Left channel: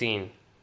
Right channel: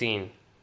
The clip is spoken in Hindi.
3،